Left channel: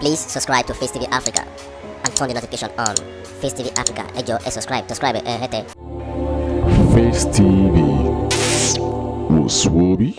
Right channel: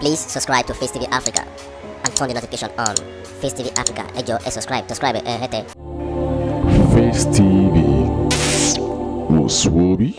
Please subscribe to Facetv Africa and turn the notification on. Facetv Africa, ẹ jọ̀ọ́ ẹ subscribe hete. Face TV was Swoby.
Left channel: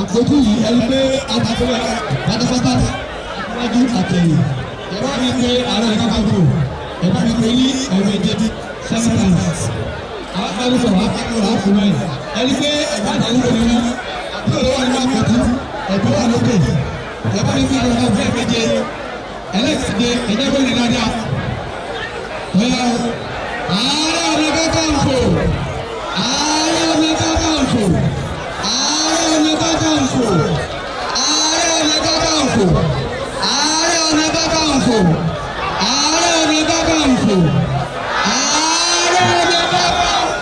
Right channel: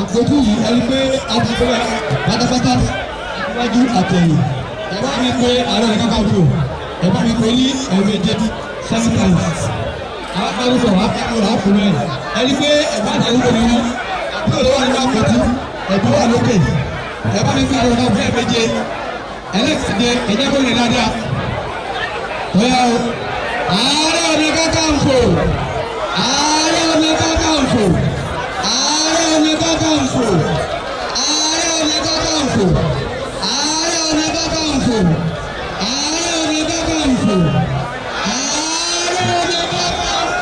Àpótí yìí ẹni pé àtàkùnrin pátápátá níwájú àtẹ̀yìn ẹ bá mi pé àárọ̀ ẹ̀ka káfíò ẹ bá mi pé ní ẹ̀mẹ̀jẹ̀ 7 times. Àwọn akẹ́kọ̀ọ́ wà á fún ẹ ẹni pé ẹ̀bá àtàkùn ní wọn àbúrò ló wà nínú àpótí ẹ̀bí wà lókè ẹ bá mi pé àárọ̀ ẹ̀ka ẹ̀mẹ̀jẹ̀ ẹlẹ́kìtìdé ẹ̀jẹ̀ bó lè dáadáa. Bóyá o ààrẹ ọ̀nà kakanfò ààrẹ ọ̀nà kakanfò ààrẹ ọ̀nà kakanfò ààrẹ ọ̀nà kakanfò ààrẹ ọ̀nà kakanfò ààrẹ ọ̀nà kakanfò ààrẹ ọ̀nà kakanfò.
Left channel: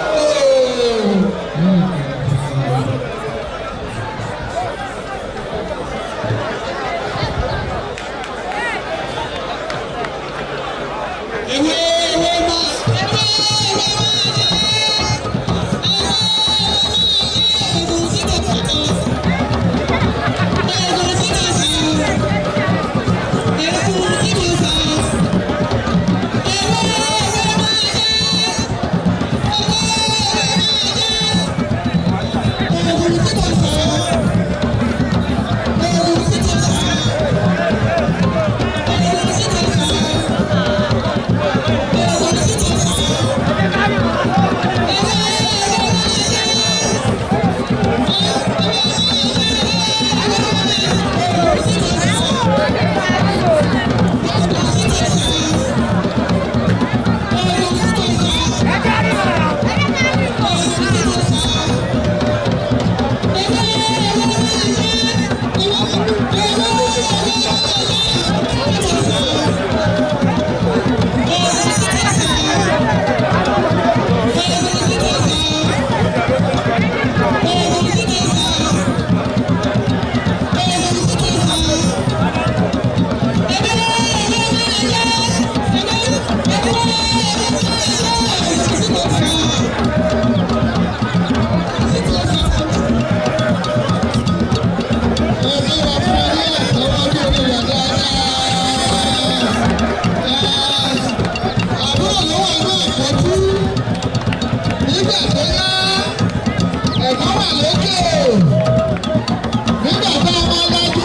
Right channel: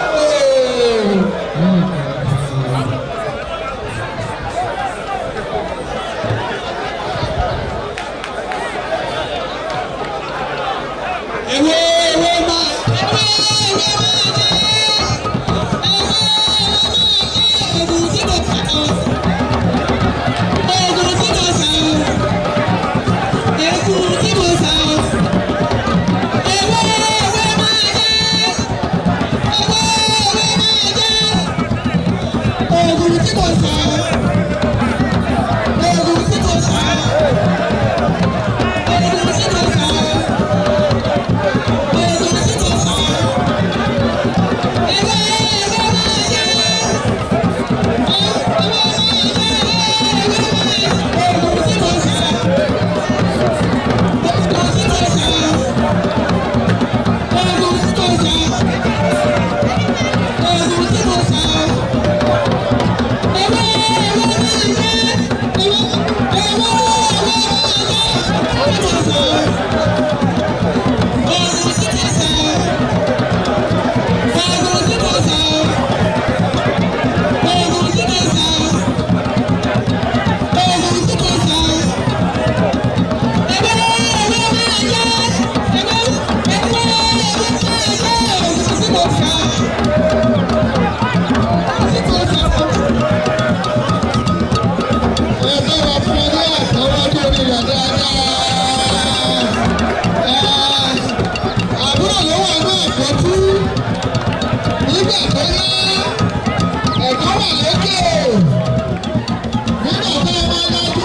Ewé máa. àpótí nígbà tó yá ẹ̀kọ́ wà lókè nígbà tá a máa lajú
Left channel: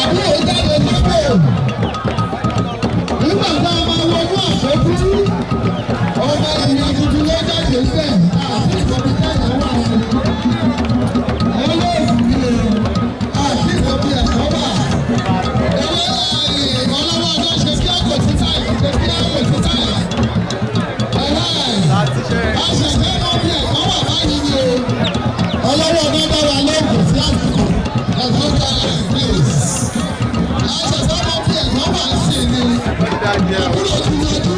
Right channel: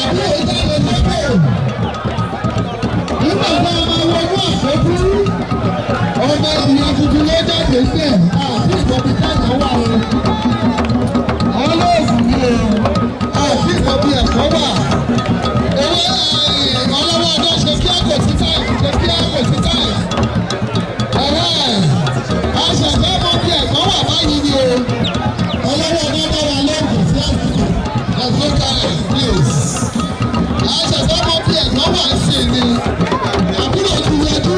àbúrò jáde lókè nígbà tá a máa wọnú àpótí ọmọ ìyá tuntun ló jáde sẹ́ẹ̀ àti ìkọ̀bí káyọ̀ wà ní ọlọ́ọ̀sì ni àti ìkọ̀bí ẹ̀kọ́ wà ọlọ́wọ́ ọjọ́ ṣe kí ọkọ̀ sí táì ṣe kí ọkọ̀ sí táì àṣẹ̀fẹ́ mọ́ bí ẹ̀kọ́ wà báyìí ni o ọlọ́wọ́ ọjọ́ bá wà lóògùn sí àsìkò àgbéga place àṣẹ̀fẹ́ mọ́ bí ẹ̀kọ́ wà sí ni àbúrò ti yọjú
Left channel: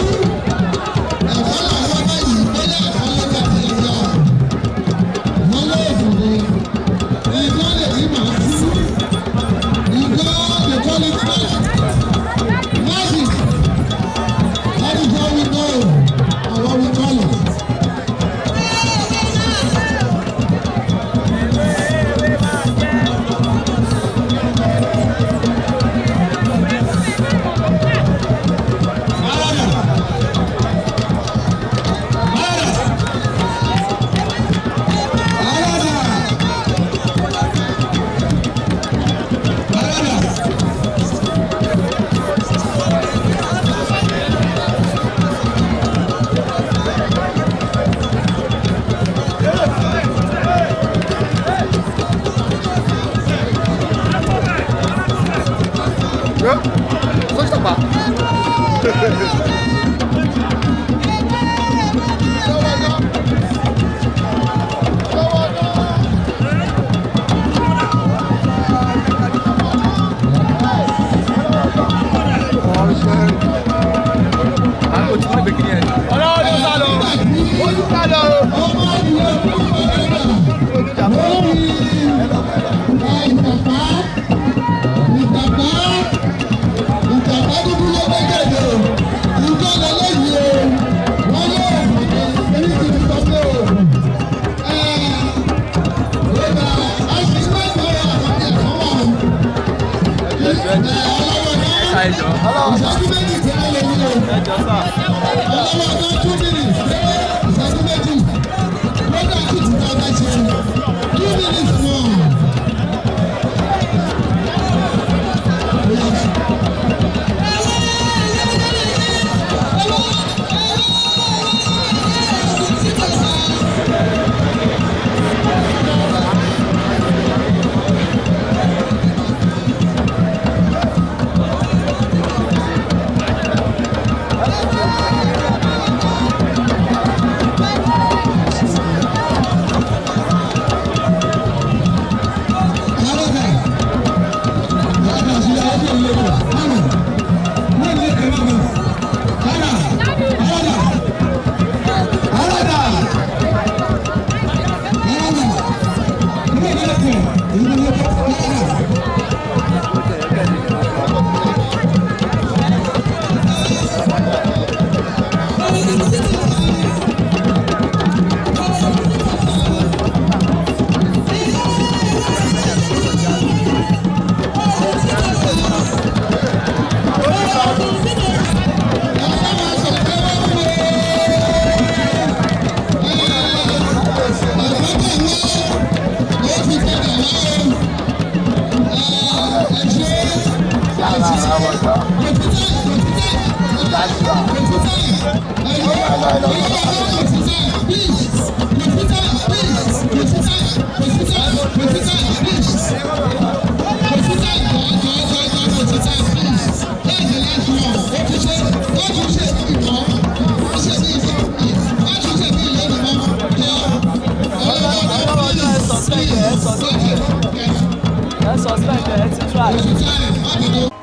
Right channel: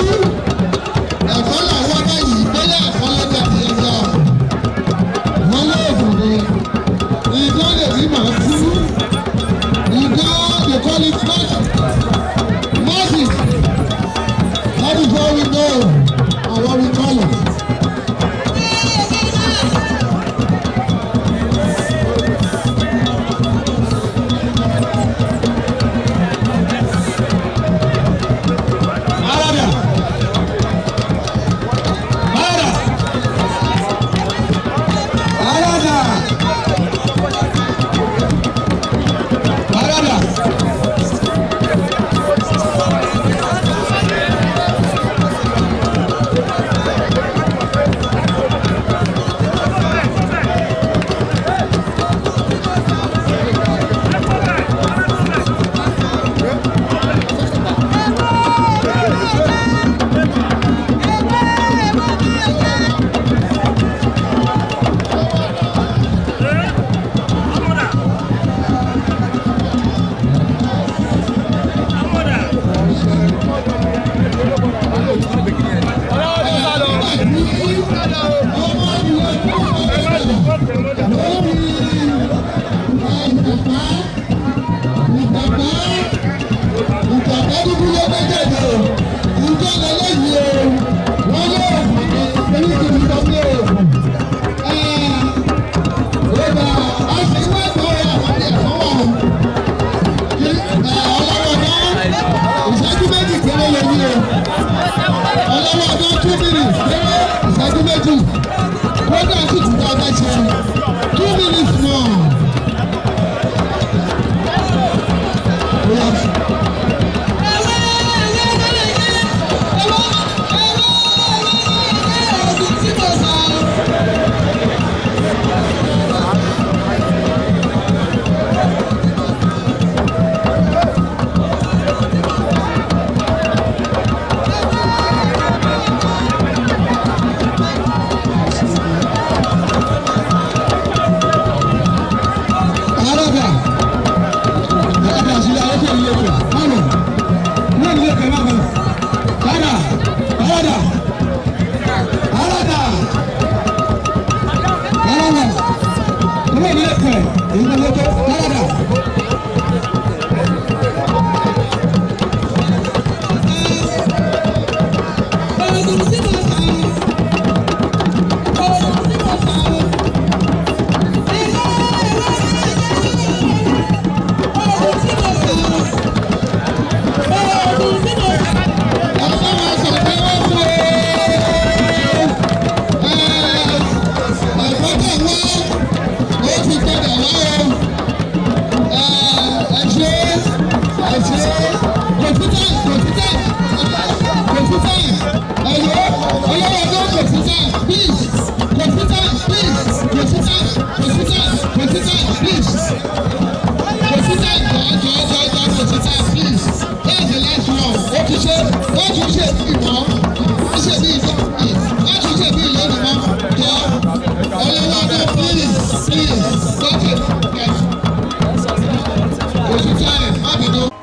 ẹ̀kọ́ làwọn báyìí gbẹ́lẹ́ àkọlẹ́jà ti yọ wọ́n lóògùn ni ìjọ lè rí màá kú ìjọ lè kọ́ ní tíwájú. That is what we know and what we call it.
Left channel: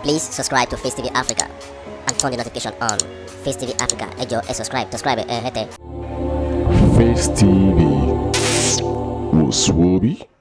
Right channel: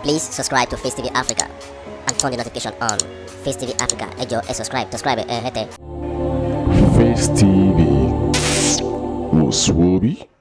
Please subscribe to Facetv Africa and turn the notification on. Facetv Africa, ẹ jọ̀ọ́ ẹ subscribe hete. Face TV was Swoby.